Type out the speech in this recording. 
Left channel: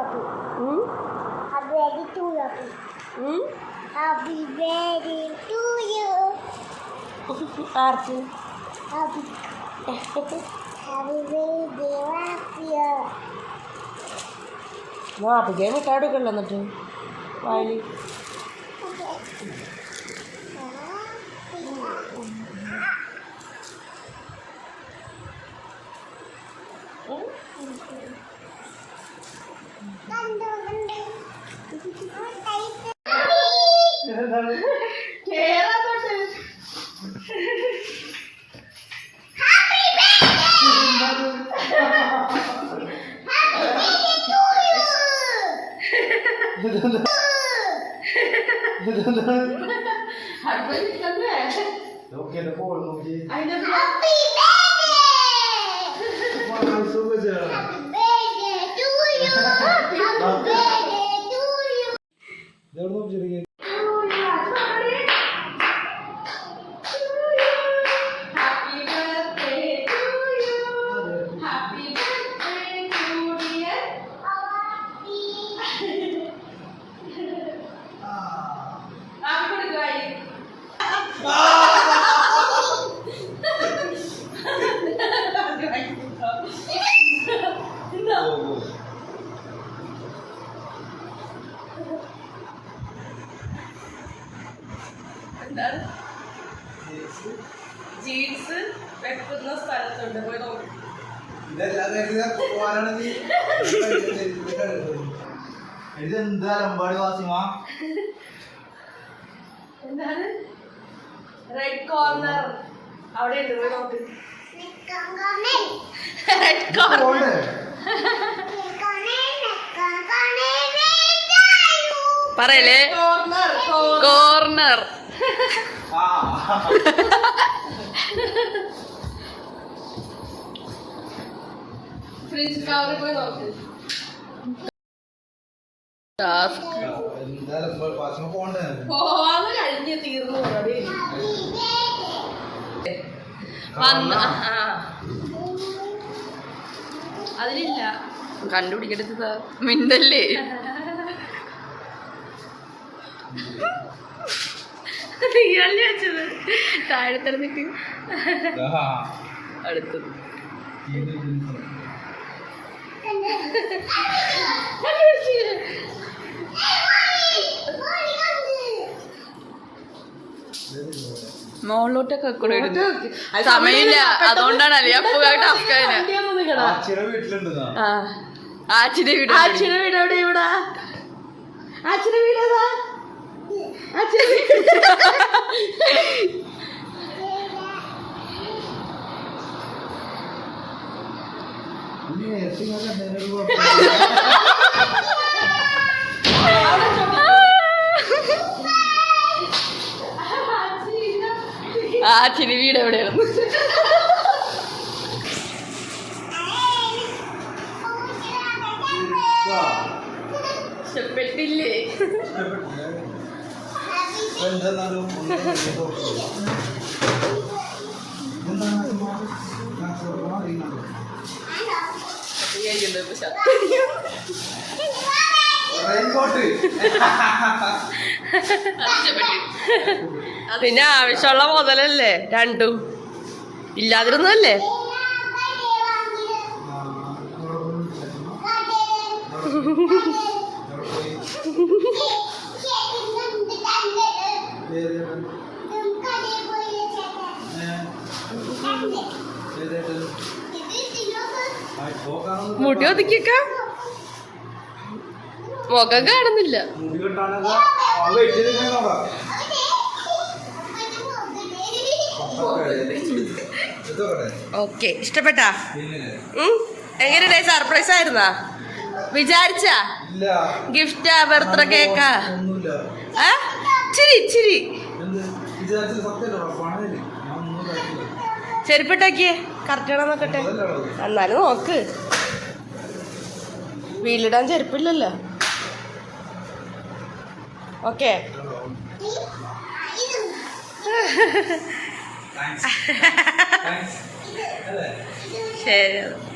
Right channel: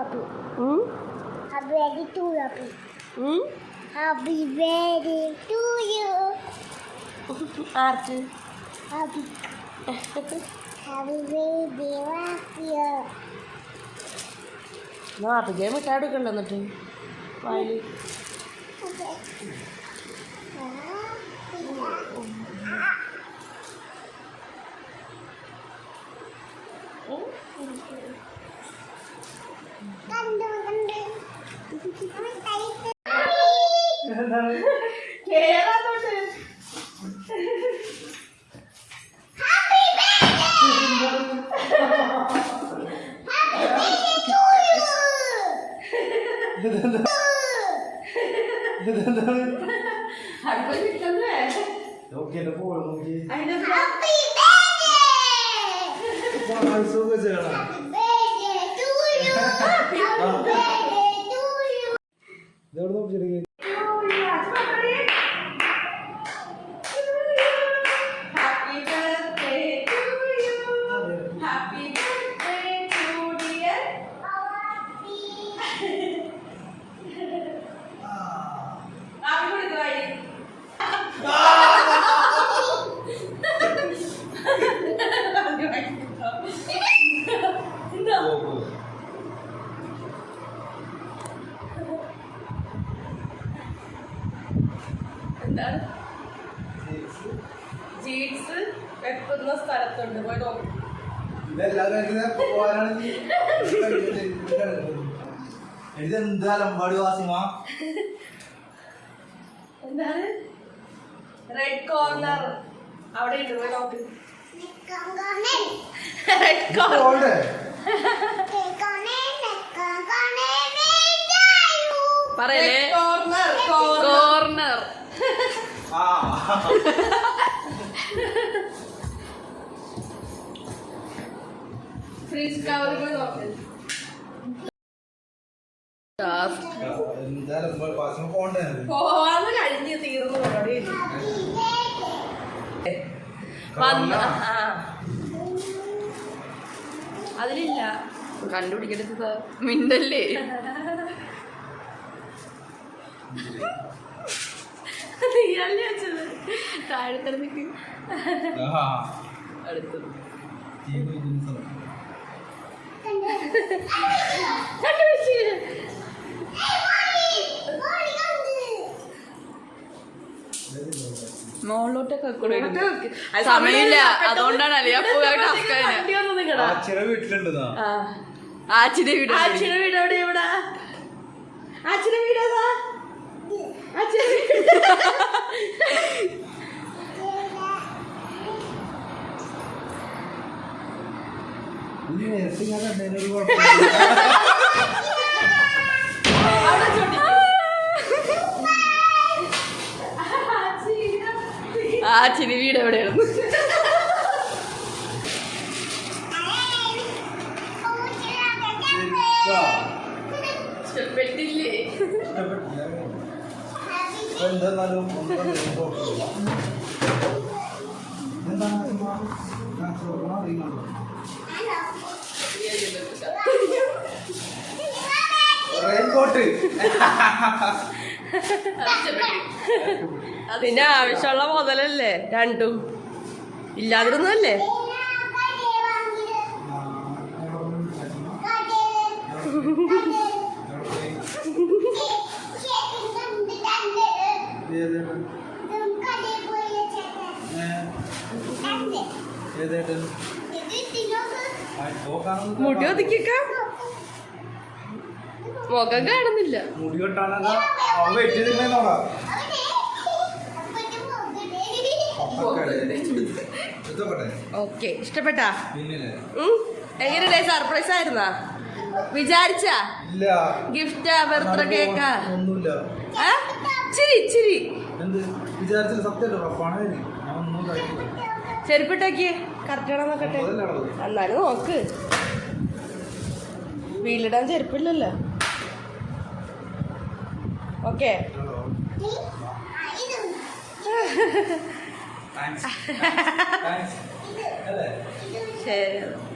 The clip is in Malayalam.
ആർക്ക് നാപ്പിക്കേ മിഠായി എടുക്കണ്ട എന്നിട്ട് വായില് ജീൻസ് വെക്കുന്ന സ്ഥലത്തുണ്ട് പോയി നോക്കി എന്താണ് റെഡ് കോർണർ അവിടെ ഉണ്ട് പോയി നോക്ക് റെഡ് കോർണർ പറയലേ കോർണർ ഫ്രിഡ്ജ് കവറിൽ നോക്ക് പോവാന്ന് കഴിഞ്ഞ് തീർന്നു പരിപാടി അതിലില്ല കണ്ടുപിടിക്കരുത് സാർ മിണ്ടല്ലേ ഇയാളെ വെച്ചത് താഴെത്തരന്നിട്ട് അടുത്തത് മോളിലോട്ടൊക്കെ കൂടെ ഇടുന്നു സമയമില്ല അതുകൊണ്ടാണ് അലിയപ്പോ ടാസ്ക് ആച്ചിന്റെ വീട് എവിടെ ആച്ചിന്റെ വീട് ഏതാ ആച്ചിന്റെ വീട് എവിടെയാണ് ഇഷ്ടപ്പെട്ടില്ലേ പിന്നെ ആവശ്യമുള്ള മുതലല്ലേ രണ്ടും ഇല്ലാതിരുന്നല്ലേ മുടി ഒതുക്കിക്ക മുഖം കാണുന്നില്ല ഓക്കെ ഇഷ്ടപ്പെട്ടാ എങ്ങനെയാ സർപ്രൈസ് ആയിരുന്നാ വിചാരിച്ച ഗിഫ്റ്റാ ബർത്ത്ഡേ കേക്കാ ചിരി ചിരി ചെരുപ്പിട്ടാക്കിയേ കറക്റ്റാണോ നോക്കട്ടെ എന്നാലും നോക്ക് വീലിടാൻ ചെരുപ്പില്ലല്ലോ ഓക്കെ ശരി